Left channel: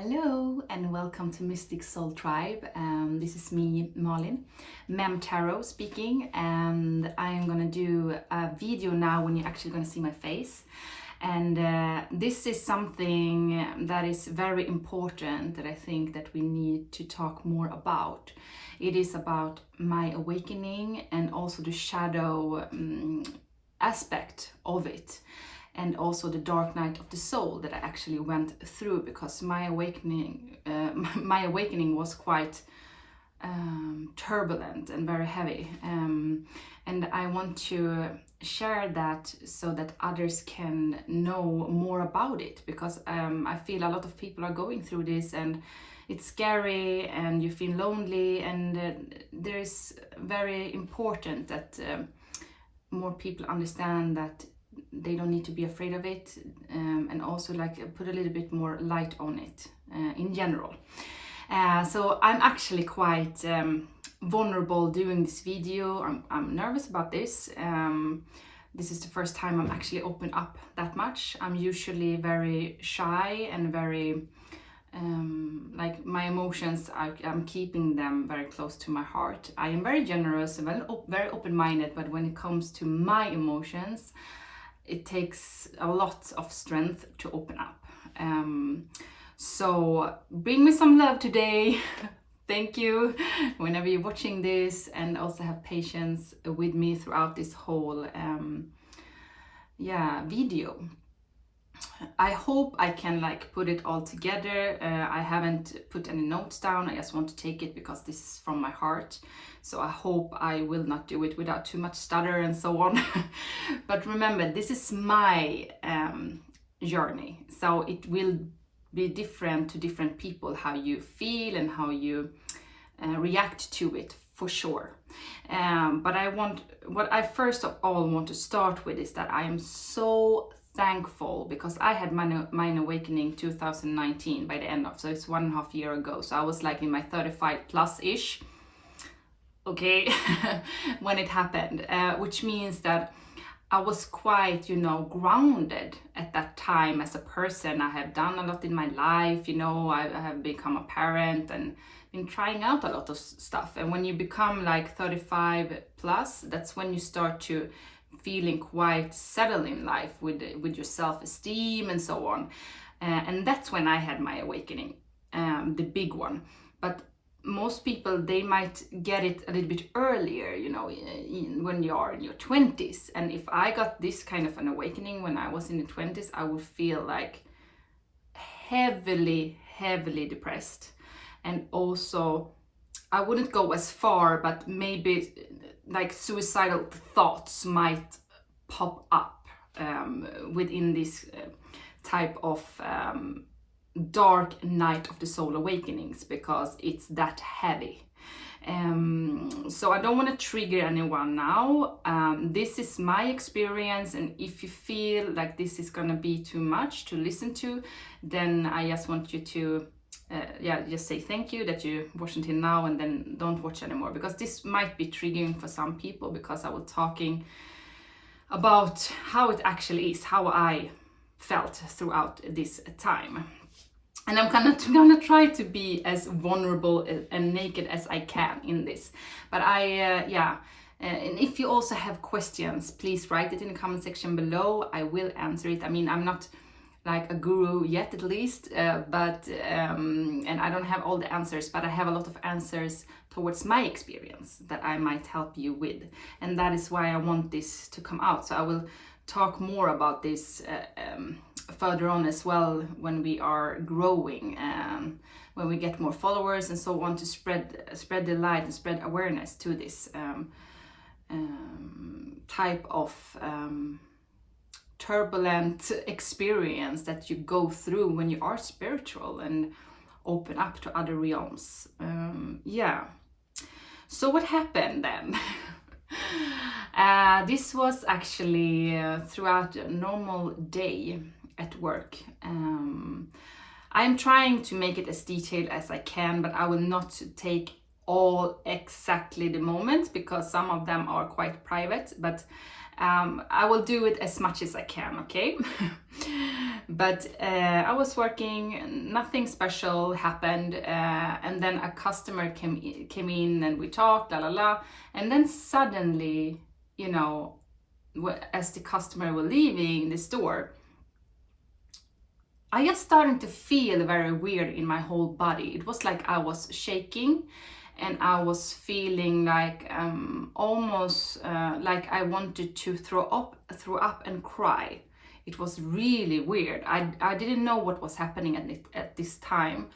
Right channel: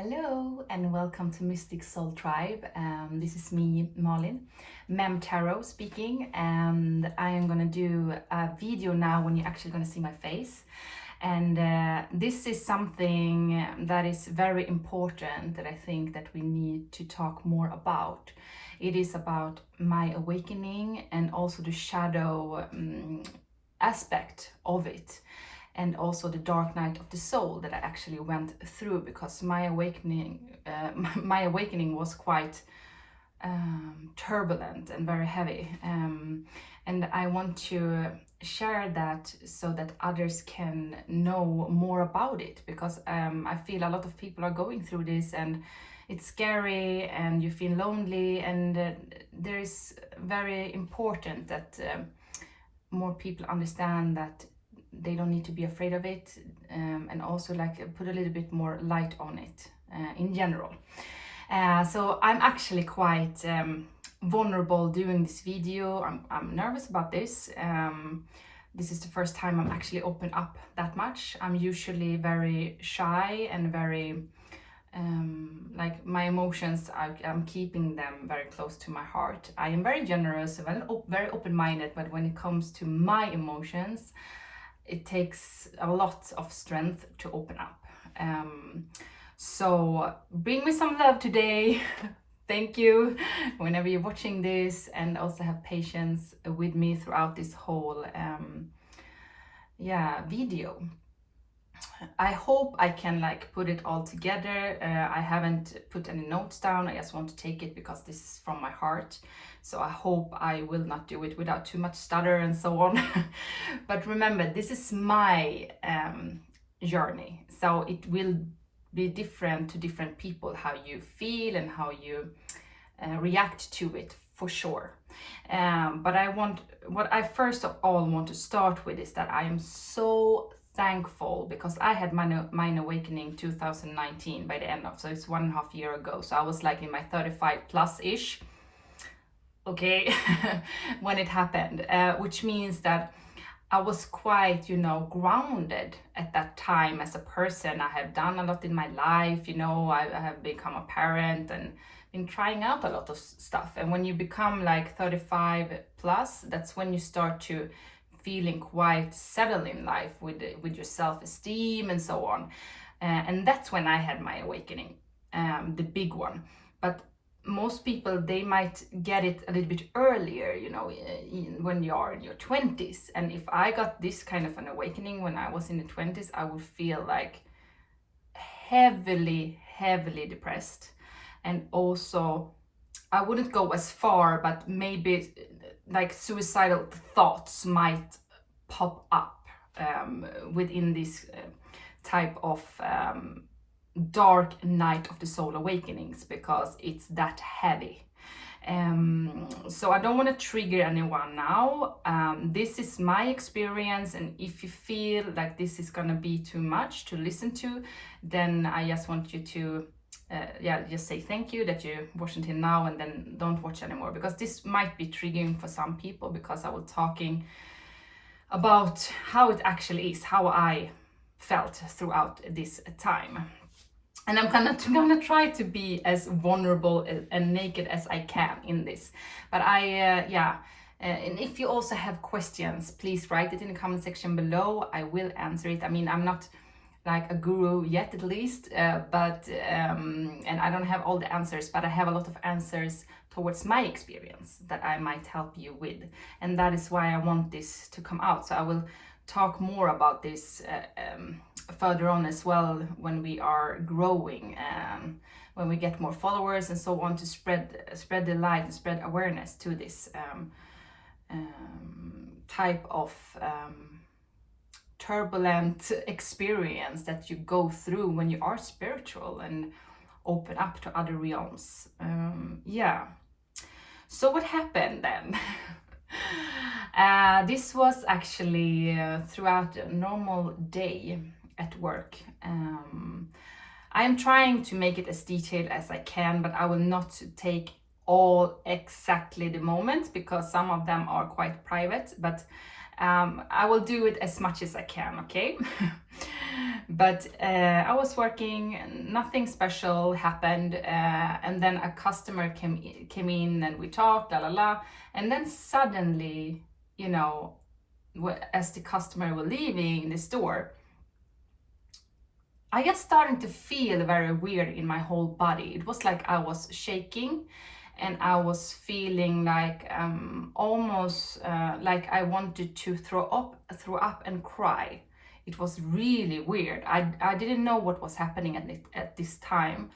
Hello and welcome to Mystic Soul Tribe. This is me, Malin, Mem Tarot speaking, and I am gonna do a video now when you're actually gonna see my face. And this is something that is very important that I think that we need to talk more about. It is about my awakening and also the shadow aspect of it. And also the dark night of the soul that I actually went through, because my awakening was quite turbulent and very heavy, and I want to share that so that others can know more about it, because I feel a lot of people are going through this and it's scary and you feel lonely, and there is very important that more people understand that they don't need to be afraid of it, and also like put a little bit more light on it in general. So I'm actually quite vulnerable doing this video. I'm nervous about this. This is the first time I'm actually open up that much. I'm usually very shy and very like my emotions, I'm keeping them very close to my heart. I am very generous and very open-minded, but when it comes to my emotions, it takes a lot of strength to open up. So bring me some love today. Thank you whenever you're watching this, and also have patience with me throughout this whole video. I hope I can like put it all together. I haven't put any notes down. I just want to take it because this is from my heart. So I hope I will not do it without too much stutter and so on. But remember, this is my journey. So it will be different to different people, how you feel and how you react to it, for sure. But what I first of all want to start with is that I am so thankful, because I had my awakening 2019 by the end of, so it's 1.5 years ago. So I was like in my 35 plus ish, okay, when it happened, which means that I was quite, grounded at that time as a person. I have done a lot in my life, I have become a parent and been trying out a lot of stuff. And when you become like 35 plus, that's when you start to feeling quite settled in life with your self-esteem and so on, and that's when I had my awakening, the big one. But most people, they might get it a little bit earlier, when you are in your 20s. And if I got this kind of an awakening when I was in the 20s, I would feel like heavily depressed, and also I wouldn't go as far, but maybe like suicidal thoughts might pop up within this type of dark night of the soul awakenings, because it's that heavy. So I don't want to trigger anyone now. This is my experience, and if you feel like this is gonna be too much to listen to, then I just want you to just say thank you that you watched until now, and then don't watch anymore, because this might be triggering for some people, because I was talking about how it actually is, how I felt throughout this time. And I'm gonna try to be as vulnerable and naked as I can in this. But and if you also have questions, please write it in the comment section below. I will answer it. I mean, I'm not like a guru yet, at least, but and I don't have all the answers, but I have a lot of answers towards my experience that I might help you with, and that is why I want this to come out. So I will talk more about this further on as well, when we are growing, when we get more followers and so on, to spread the light and spread awareness to this type of turbulent experience that you go through when you are spiritual and open up to other realms. So what happened then? This was actually throughout a normal day at work. I am trying to make it as detailed as I can, but I will not take all exactly the moments, because some of them are quite private, but I will do it as much as I can, okay? But I was working, nothing special happened, and then a customer came in and we talked, la la la, and then suddenly, you know, as the customer were leaving the store, I just started to feel very weird in my whole body. It was like I was shaking, and I was feeling like almost like I wanted to throw up and cry. It was really weird. I didn't know what was happening at this time.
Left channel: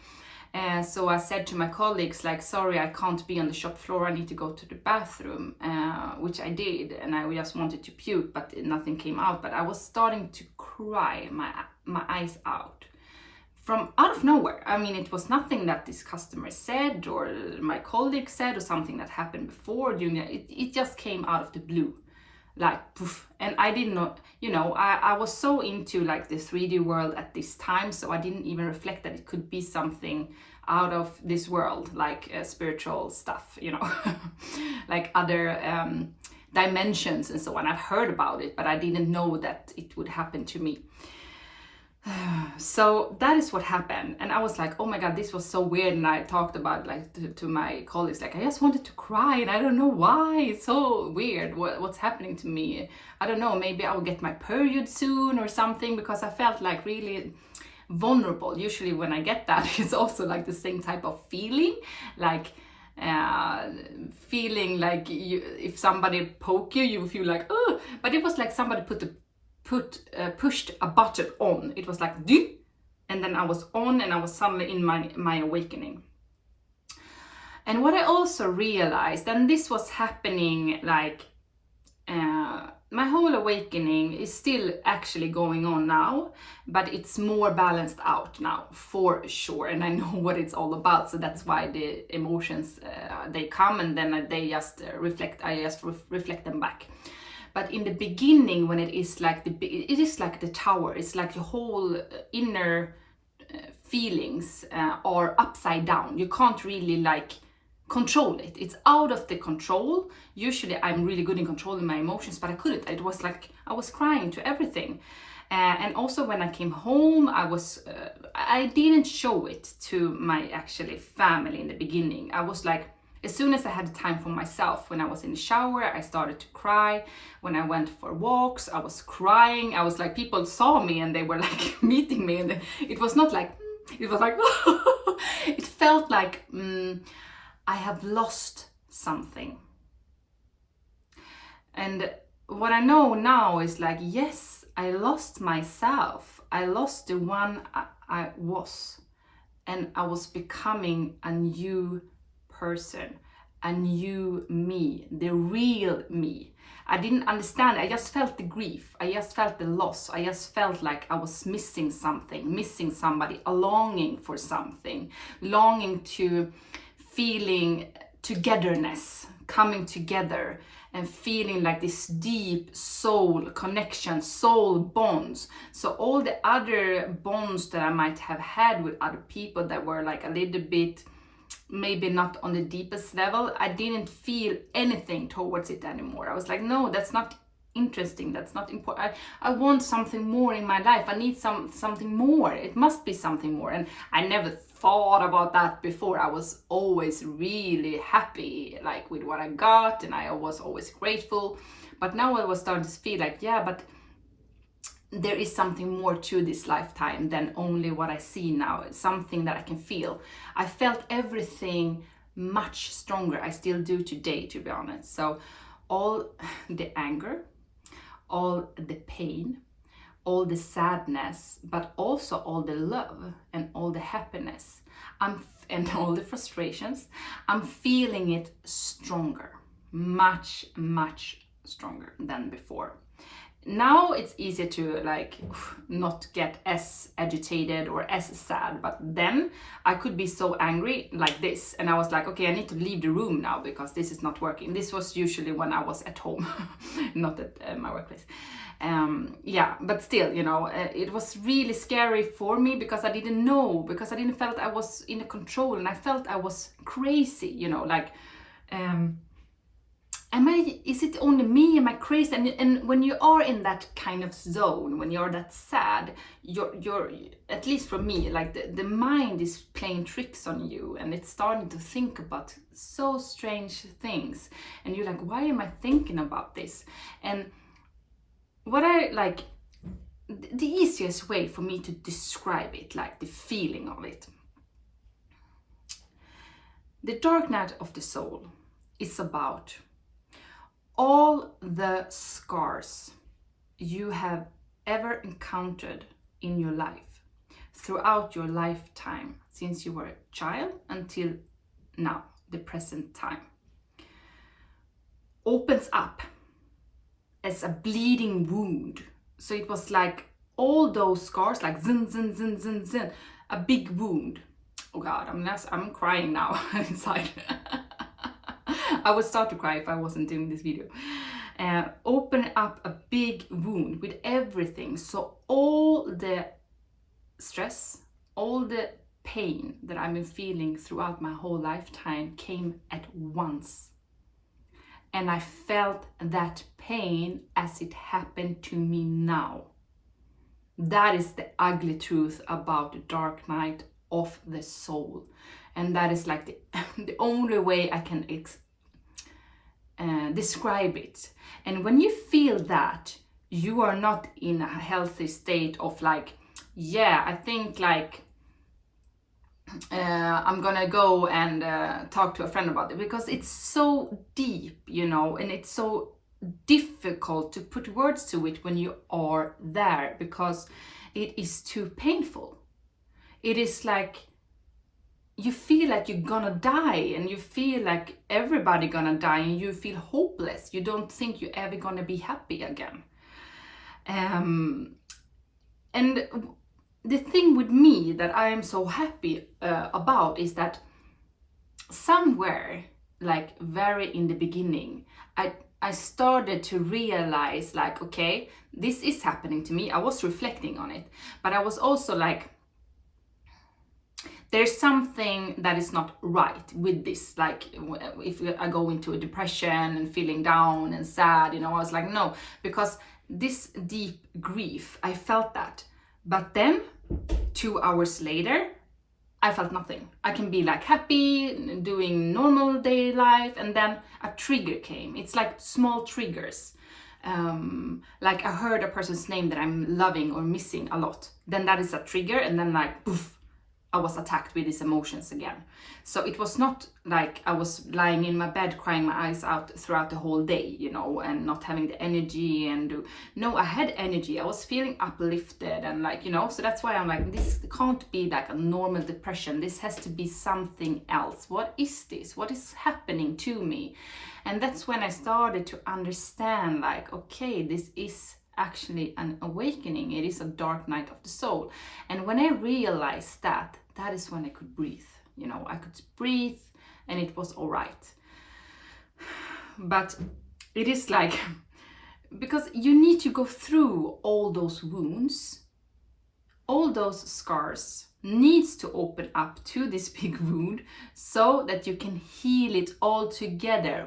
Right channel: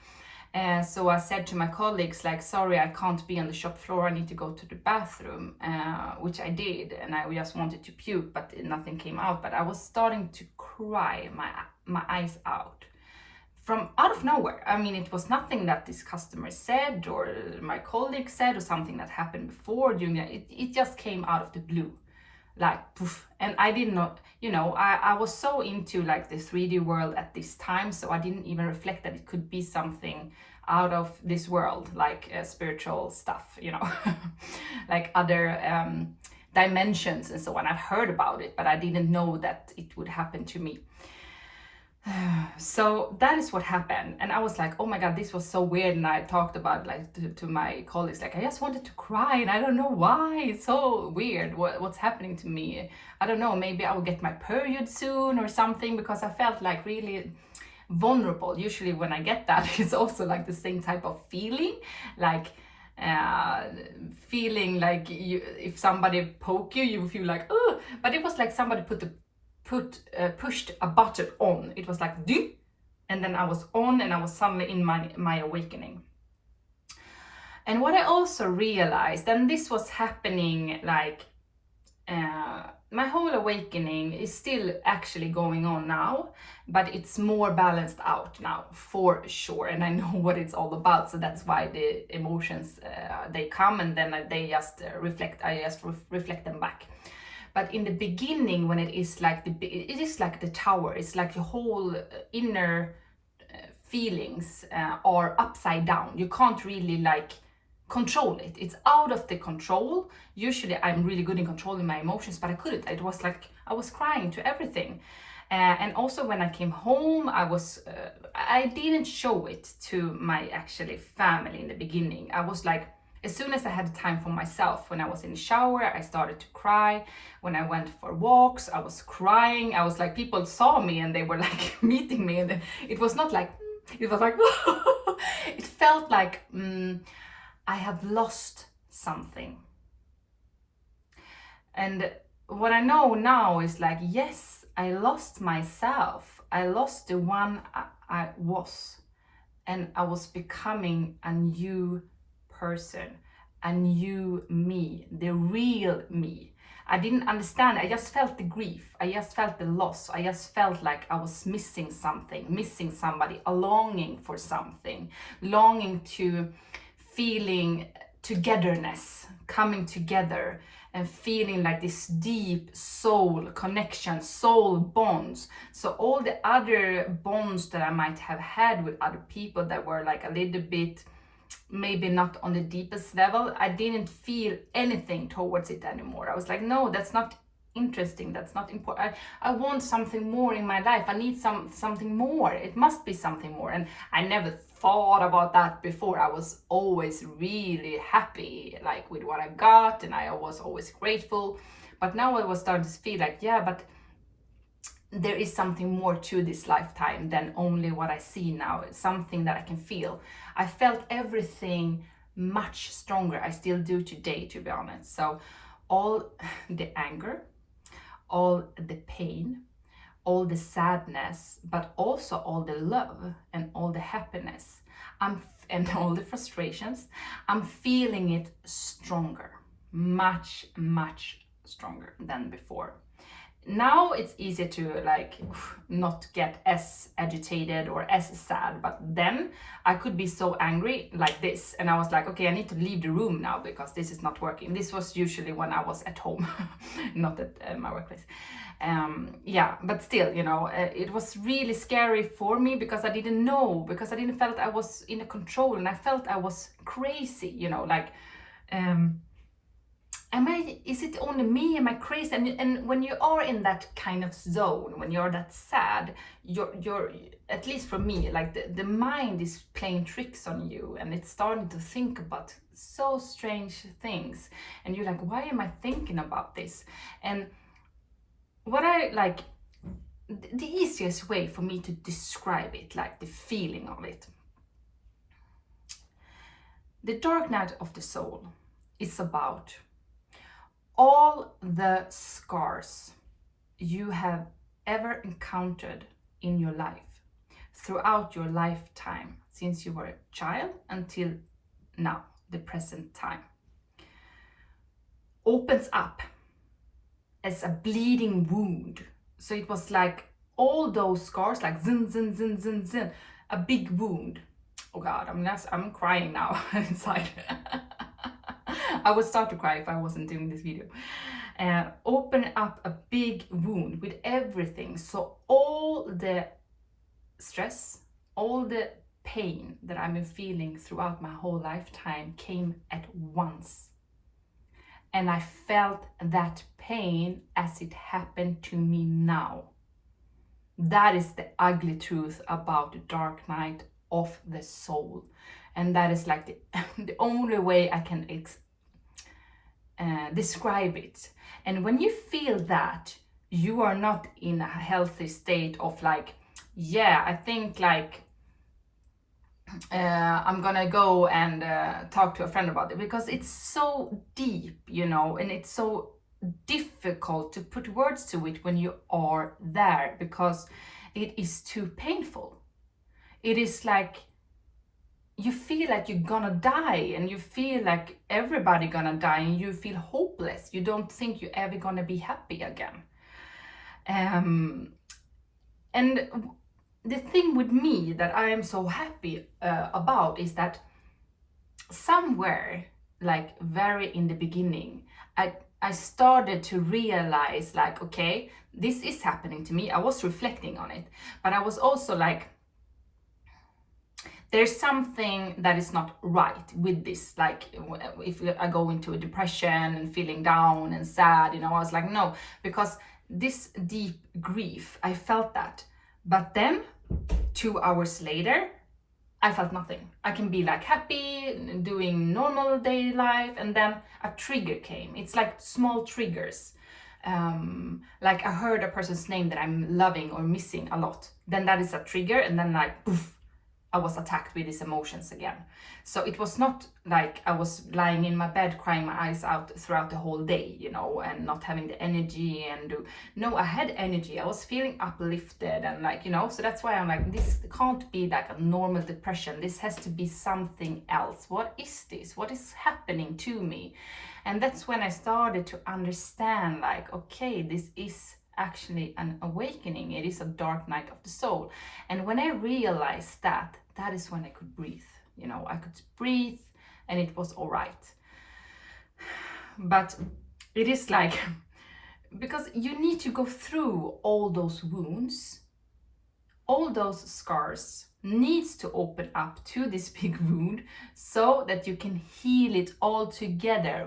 So I said to my colleagues, like, sorry, I can't be on the shop floor. I need to go to the bathroom, which I did. And I just wanted to puke, but nothing came out. But I was starting to cry my eyes out from out of nowhere. I mean, it was nothing that this customer said or my colleague said or something that happened before. It just came out of the blue, like poof. And I did not, I was so into like the 3D world at this time, so I didn't even reflect that it could be something out of this world, like spiritual stuff, like other dimensions and so on. I've heard about it, but I didn't know that it would happen to me. So that is what happened, and I was like, oh my god, this was so weird. And I talked about like to my colleagues, like, I just wanted to cry and I don't know why. It's so weird what's happening to me. I don't know, maybe I will get my period soon or something, because I felt like really vulnerable. Usually when I get that, it's also like the same type of feeling, like feeling like if somebody poke you, you feel like, oh. But it was like somebody pushed a button on. It was like do, and then I was on, and I was suddenly in my awakening. And what I also realized, and this was happening like my whole awakening is still actually going on now, but it's more balanced out now for sure, and I know what it's all about. So that's why the emotions they come, and then they just reflect them back. But in the beginning, when it is like the tower, it's like your whole inner feelings are upside down. You can't really like control it. It's out of the control. Usually I'm really good in controlling my emotions, but I couldn't. It was like I was crying to everything. And also when I came home, I didn't show it to my actually family in the beginning. I was like, as soon as I had time for myself, when I was in the shower, I started to cry. When I went for walks, I was crying. I was like, people saw me and they were like meeting me. And it was not like, it was like, it felt like I have lost something. And what I know now is like, yes, I lost myself. I lost the one I was. And I was becoming a new person, a new me, the real me. I didn't understand. I just felt the grief. I just felt the loss. I just felt like I was missing something, missing somebody, a longing for something, longing to feeling togetherness, coming together and feeling like this deep soul connection, soul bonds. So all the other bonds that I might have had with other people that were like a little bit maybe not on the deepest level, I didn't feel anything towards it anymore. I was like, no, that's not interesting, that's not important. I want something more in my life. I need something more. It must be something more. And I never thought about that before. I was always really happy like with what I got, and I was always grateful. But now I was starting to feel like, yeah, but there is something more to this lifetime than only what I see now. It's something that I can feel. I felt everything much stronger. I still do today, to be honest. So all the anger, all the pain, all the sadness, but also all the love and all the happiness, and all the frustrations, I'm feeling it stronger, much, much stronger than before. Now it's easier to like not get as agitated or as sad, but then I could be so angry like this, and I was like, okay, I need to leave the room now because this is not working. This was usually when I was at home, not at my workplace. Yeah, but still, it was really scary for me because I didn't know, because I didn't felt I was in control, and I felt I was crazy, is it only me? Am I crazy? And when you are in that kind of zone, when you're that sad, you're at least for me, like the mind is playing tricks on you, and it's starting to think about so strange things, and you're like, why am I thinking about this? And what I like, the easiest way for me to describe it, like the feeling of it, the dark night of the soul is about all the scars you have ever encountered in your life throughout your lifetime, since you were a child until now, the present time, opens up as a bleeding wound. So it was like all those scars, like zin, zin, zin, zin, zin, a big wound. Oh God, I'm crying now inside. I would start to cry if I wasn't doing this video. Open up a big wound with everything. So all the stress, all the pain that I've been feeling throughout my whole lifetime came at once. And I felt that pain as it happened to me now. That is the ugly truth about the dark night of the soul. And that is like the only way I can describe it. And when you feel that, you are not in a healthy state of like, yeah, I think like I'm gonna go and talk to a friend about it, because it's so deep, you know, and it's so difficult to put words to it when you are there, because it is too painful. It is like you feel like you're gonna die, and you feel like everybody gonna die, and you feel hopeless. You don't think you're ever gonna be happy again. And the thing with me that I am so happy about is that somewhere, like very in the beginning, I started to realize like, okay, this is happening to me. I was reflecting on it, but I was also like, there's something that is not right with this. Like if I go into a depression and feeling down and sad, you know, I was like, no, because this deep grief, I felt that. But then 2 hours later, I felt nothing. I can be like happy, doing normal day life, and then a trigger came. It's like small triggers. Like I heard a person's name that I'm loving or missing a lot. Then that is a trigger, and then like poof, I was attacked with these emotions again. So it was not like I was lying in my bed crying my eyes out throughout the whole day, you know, and not having the energy no, I had energy. I was feeling uplifted and like, you know, so that's why I'm like, this can't be like a normal depression. This has to be something else. What is this? What is happening to me? And that's when I started to understand like, okay, this is actually an awakening. It is a dark night of the soul. And when I realized that is when I could breathe. You know, I could breathe and it was all right. But it is like, because you need to go through all those wounds, all those scars needs to open up to this big wound so that you can heal it all together,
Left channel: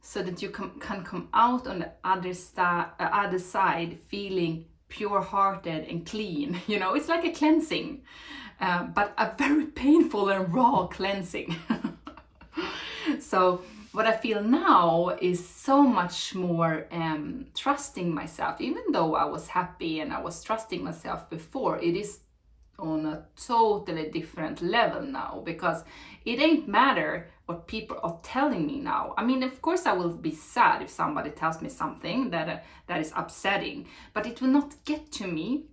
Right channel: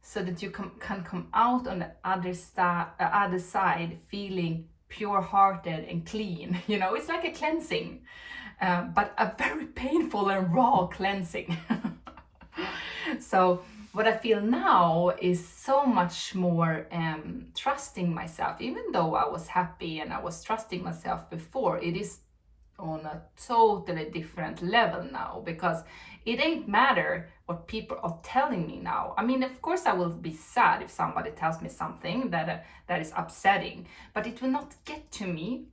so that you can come out on the other side feeling pure-hearted and clean. You know, it's like a cleansing, but a very painful and raw cleansing. So what I feel now is so much more trusting myself. Even though I was happy and I was trusting myself before, it is on a totally different level now, because it ain't matter what people are telling me now. I mean, of course I will be sad if somebody tells me something that is upsetting, but it will not get to me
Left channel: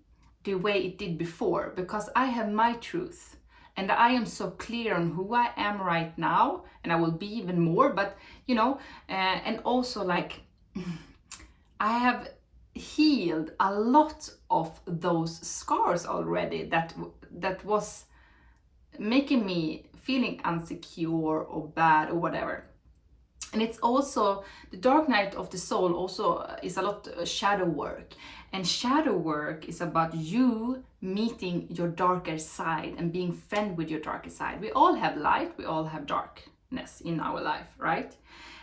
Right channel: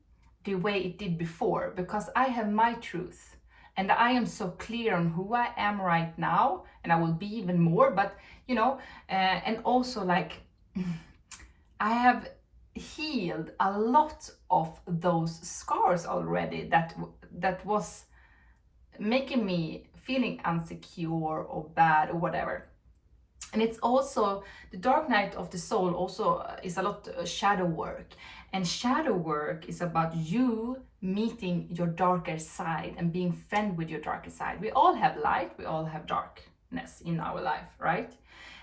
the way it did before, because I have my truth and I am so clear on who I am right now, and I will be even more. But you know, and also like I have healed a lot of those scars already that was making me feeling insecure or bad or whatever. And it's also the dark night of the soul also is a lot shadow work, and shadow work is about you meeting your darker side and being friend with your darker side. We all have light, we all have darkness in our life, right?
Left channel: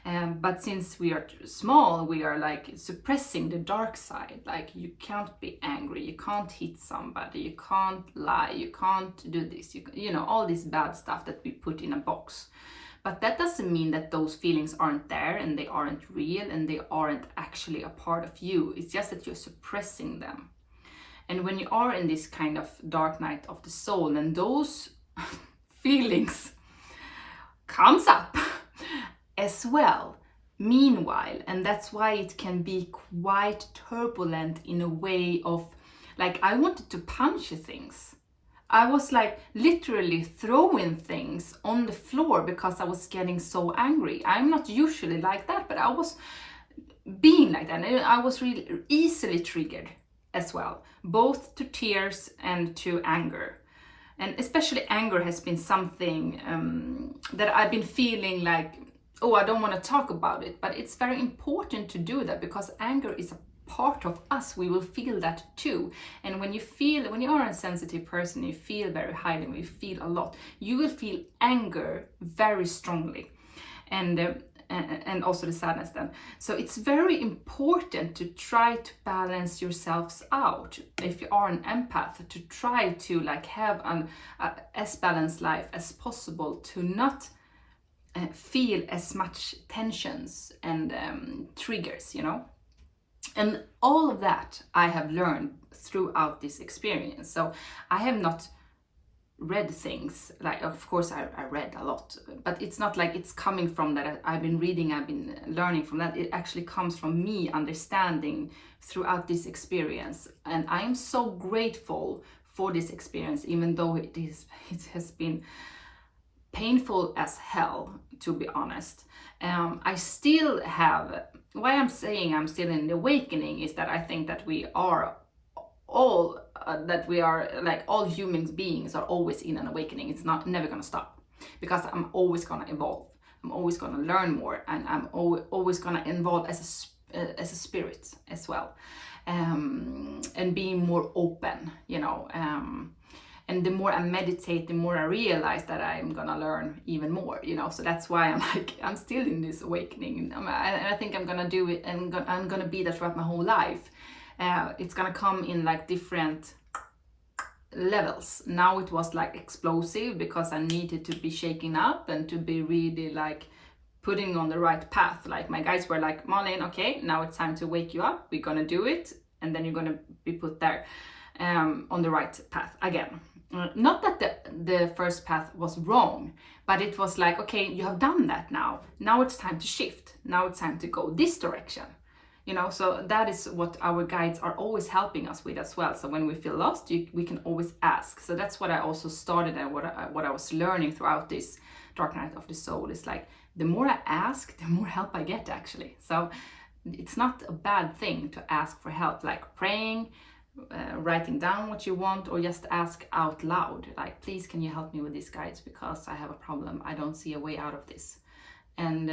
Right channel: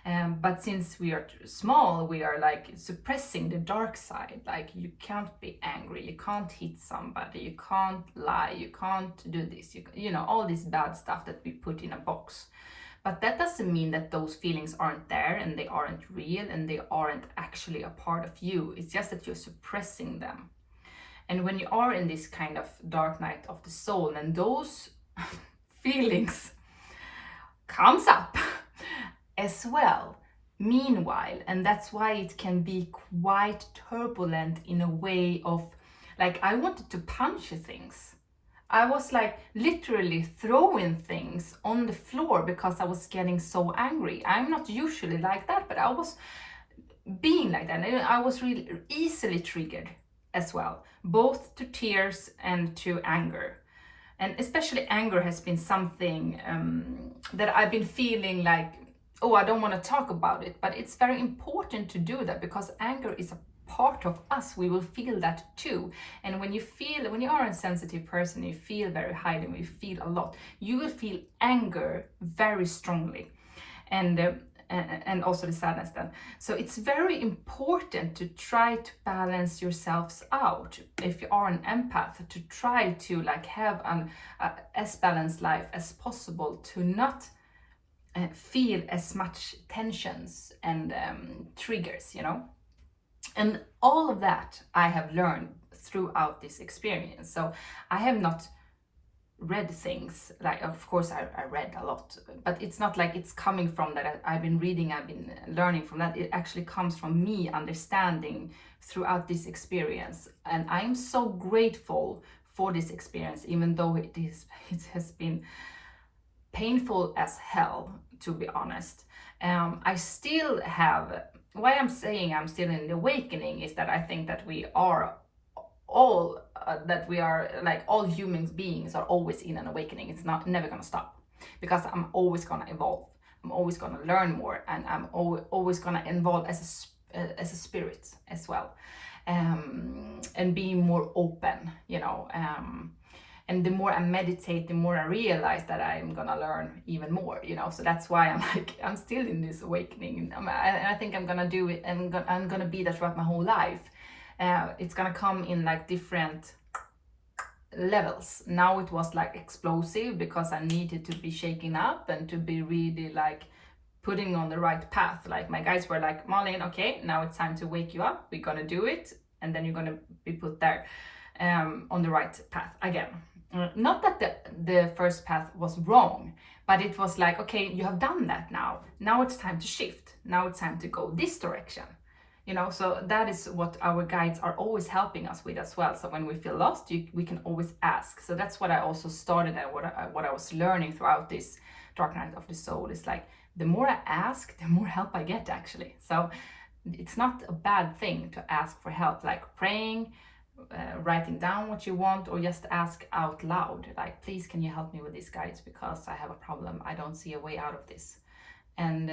But since we are small, we are like suppressing the dark side. Like, you can't be angry, you can't hit somebody, you can't lie, you can't do this, you know, all this bad stuff that we put in a box. But that doesn't mean that those feelings aren't there and they aren't real and they aren't actually a part of you. It's just that you're suppressing them. And when you are in this kind of dark night of the soul, and those feelings comes up as well, meanwhile, and that's why it can be quite turbulent in a way of, like, I wanted to punch things. I was like literally throwing things on the floor because I was getting so angry. I'm not usually like that, but I was being like that. And I was really easily triggered as well, both to tears and to anger. And especially anger has been something that I've been feeling like, oh, I don't want to talk about it. But it's very important to do that, because anger is a part of us. We will feel that too. And when you are a sensitive person, you feel very highly, when you feel a lot, you will feel anger very strongly. And also the sadness then. So it's very important to try to balance yourselves out. If you are an empath, to try to like have an as balanced life as possible, to not feel as much tensions and triggers, you know. And all of that I have learned throughout this experience. So I have not read things, like, of course I read a lot, but it's not like it's coming from that I've been reading, I've been learning from that. It actually comes from me understanding throughout this experience. And I am so grateful for this experience, even though it has been painful as hell, to be honest. I still have, why I'm saying I'm still in the awakening is that I think that we are all like all human beings are always in an awakening. It's never gonna stop, because I'm always gonna evolve, I'm always gonna learn more, and I'm always gonna evolve as a spirit as well, and being more open, you know. And the more I meditate, the more I realize that I'm gonna learn even more, you know. So that's why I'm still in this awakening. I think I'm gonna do it, and I'm gonna be that throughout my whole life. It's gonna come in like different levels. Now it was like explosive, because I needed to be shaken up and to be really like putting on the right path. Like, my guys were like, Malin, okay, now it's time to wake you up, we're gonna do it, and then you're gonna be put there on the right path again. Not that the first path was wrong, but it was like, okay, you have done that now it's time to shift, now it's time to go this direction, you know. So that is what our guides are always helping us with as well. So when we feel lost, we can always ask. So that's what I also started, and what I was learning throughout this dark night of the soul is like, the more I ask, the more help I get, actually. So it's not a bad thing to ask for help, like praying, writing down what you want, or just ask out loud, like, please, can you help me with these guides, because I have a problem, I don't see a way out of this. And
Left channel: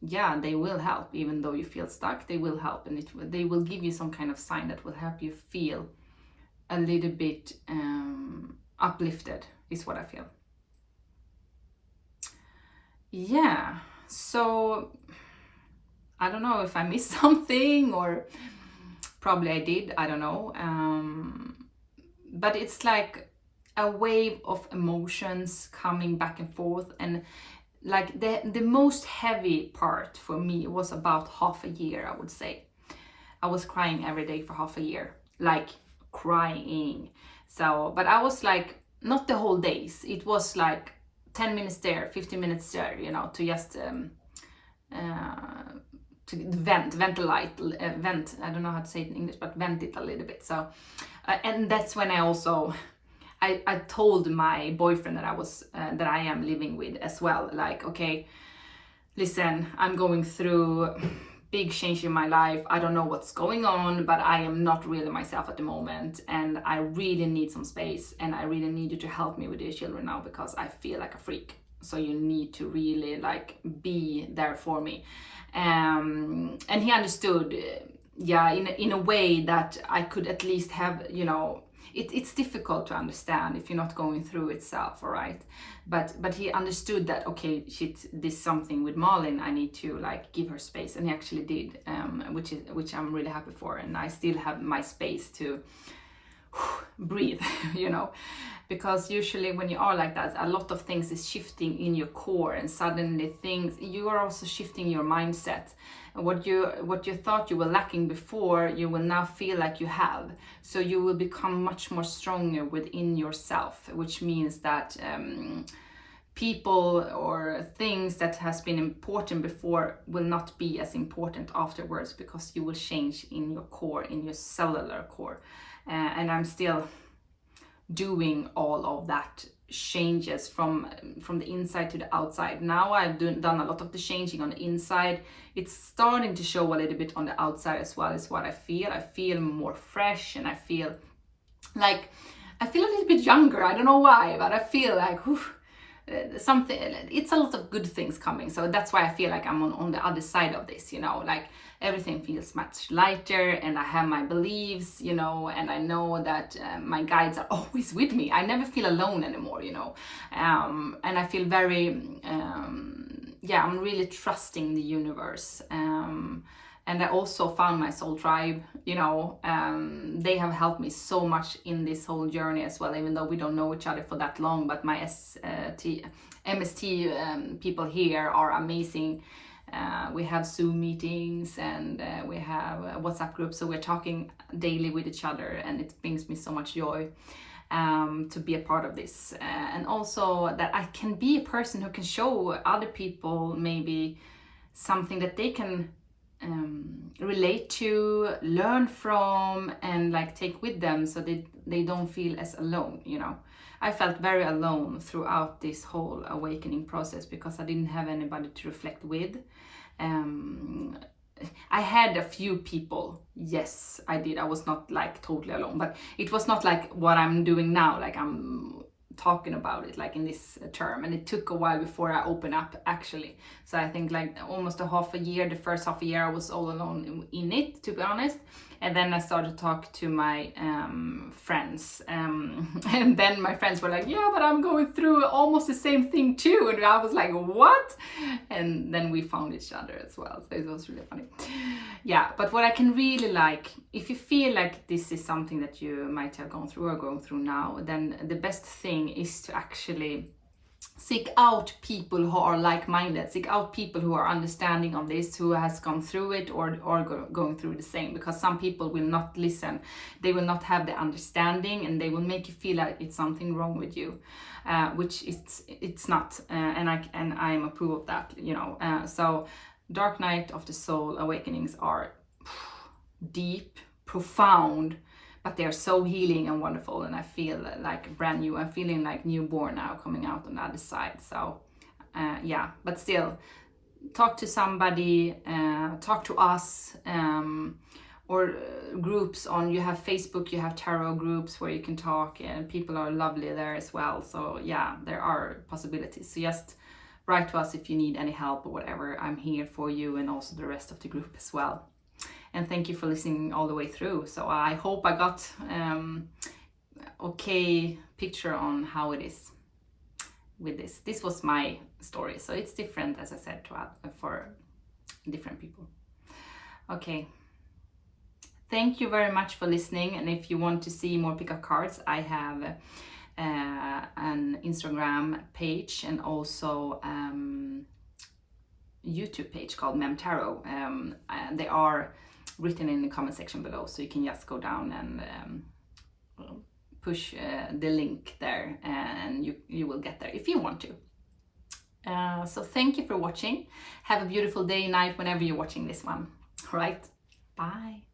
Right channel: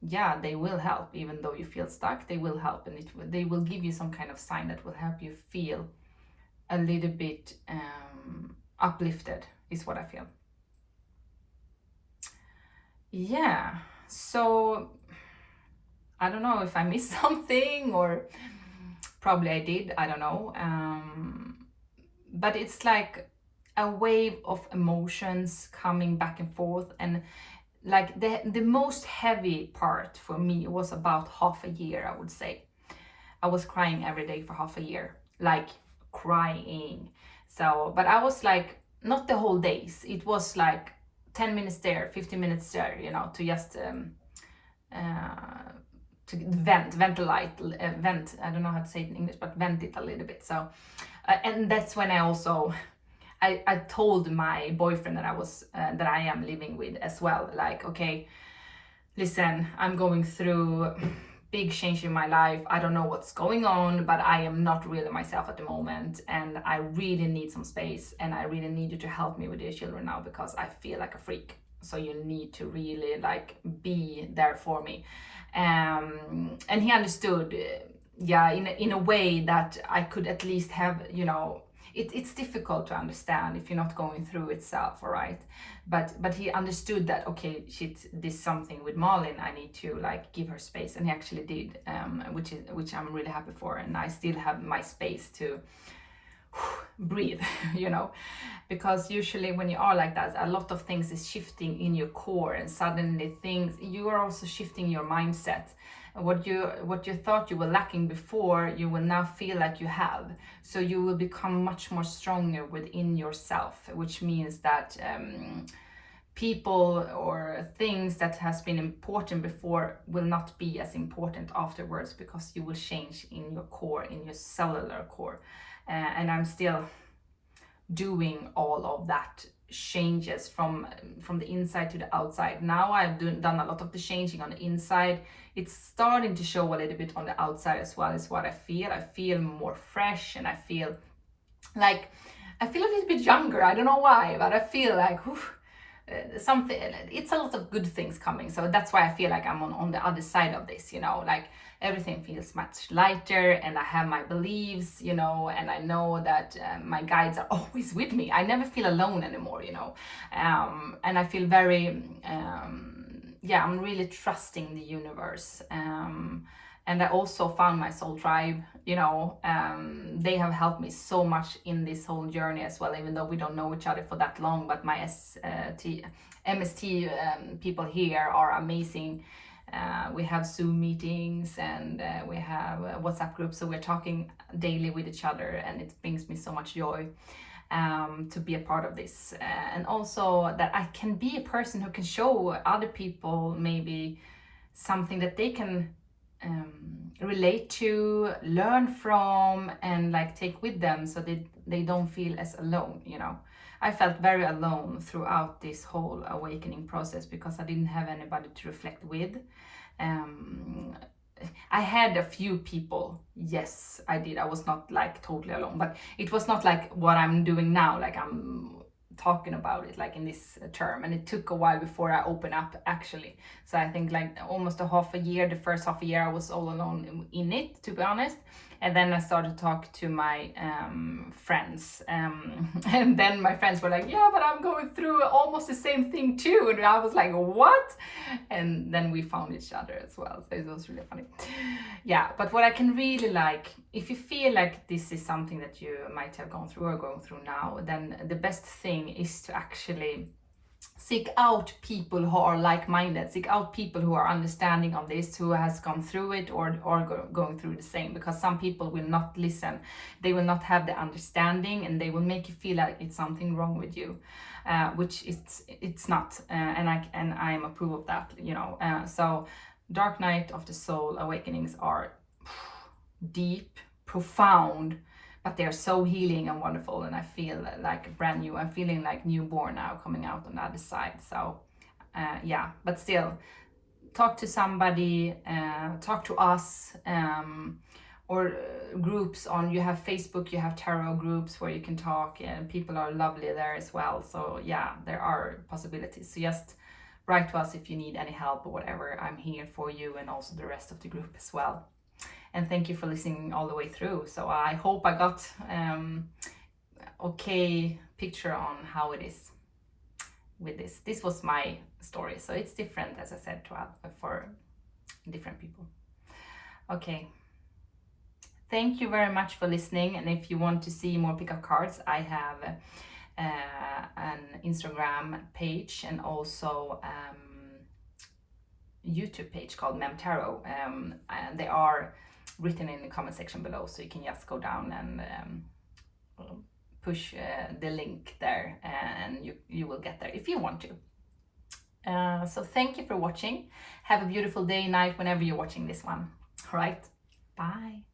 yeah, they will help. Even though you feel stuck, they will help, and they will give you some kind of sign that will help you feel a little bit uplifted, is what I feel. Yeah, so I don't know if I missed something, or probably I did, I don't know. But it's like a wave of emotions coming back and forth. And like the most heavy part for me was about half a year, I would say. I was crying every day for half a year, like crying. So, but I was like, not the whole days. It was like 10 minutes there, 15 minutes there, you know, to just to vent, I don't know how to say it in English, but vent it a little bit. So, and that's when I also, I told my boyfriend that I am living with as well, like, okay, listen, I'm going through big change in my life. I don't know what's going on, but I am not really myself at the moment, and I really need some space, and I really need you to help me with your children now, because I feel like a freak. So you need to really like be there for me. And he understood, yeah, in a way that I could at least have, you know, it's difficult to understand if you're not going through itself, all right? But he understood that, okay, shit, this something with Malin, I need to like give her space, and he actually did, which I'm really happy for, and I still have my space to breathe, you know, because usually when you are like that, a lot of things is shifting in your core, and suddenly you are also shifting your mindset. And what you thought you were lacking before, you will now feel like you have. So you will become much more stronger within yourself, which means that people or things that has been important before will not be as important afterwards, because you will change in your core, in your cellular core. And I'm still doing all of that changes from the inside to the outside. Now I've done a lot of the changing on the inside. It's starting to show a little bit on the outside as well, is what I feel. I feel more fresh, and I feel a little bit younger. I don't know why, but I feel like something, it's a lot of good things coming. So that's why I feel like I'm on the other side of this, you know, like everything feels much lighter, and I have my beliefs, you know, and I know that my guides are always with me. I never feel alone anymore, you know, and I feel very I'm really trusting the universe. And I also found my soul tribe, you know. They have helped me so much in this whole journey as well, even though we don't know each other for that long. But my MST people here are amazing. We have Zoom meetings, and we have WhatsApp groups, so we're talking daily with each other, and it brings me so much joy to be a part of this. And also that I can be a person who can show other people maybe something that they can relate to, learn from, and like take with them, so they don't feel as alone, you know. I felt very alone throughout this whole awakening process, because I didn't have anybody to reflect with. I had a few people, yes, I did. I was not like totally alone, but it was not like what I'm doing now, like I'm talking about it like in this term, and it took a while before I opened up, actually. So I think like almost the first half a year I was all alone in it, to be honest. And then I started to talk to my friends, and then my friends were like, yeah, but I'm going through almost the same thing too. And I was like, what? And then we found each other as well, so it was really funny. Yeah, but what I can really like, if you feel like this is something that you might have gone through or going through now, then the best thing is to actually seek out people who are like-minded, seek out people who are understanding of this, who has gone through it or going through the same, because some people will not listen, they will not have the understanding, and they will make you feel like it's something wrong with you, which it's not, and I am approve of that, you know. So dark night of the soul awakenings are deep, profound, but they're so healing and wonderful, and I feel like brand new. I'm feeling like newborn now, coming out on the other side. So yeah, but still, talk to somebody, talk to us, or groups on, you have Facebook, you have tarot groups where you can talk, and people are lovely there as well. So yeah, there are possibilities. So just write to us if you need any help or whatever. I'm here for you, and also the rest of the group as well. And thank you for listening all the way through. So I hope I got okay picture on how it is with this. This was my story, so it's different, as I said, for different people. Okay. Thank you very much for listening. And if you want to see more pickup cards, I have an Instagram page, and also YouTube page called Mem Tarot. And they are written in the comment section below, so you can just go down and push the link there, and you will get there if you want to. So thank you for watching. Have a beautiful day, night, whenever you're watching this one. All right, bye.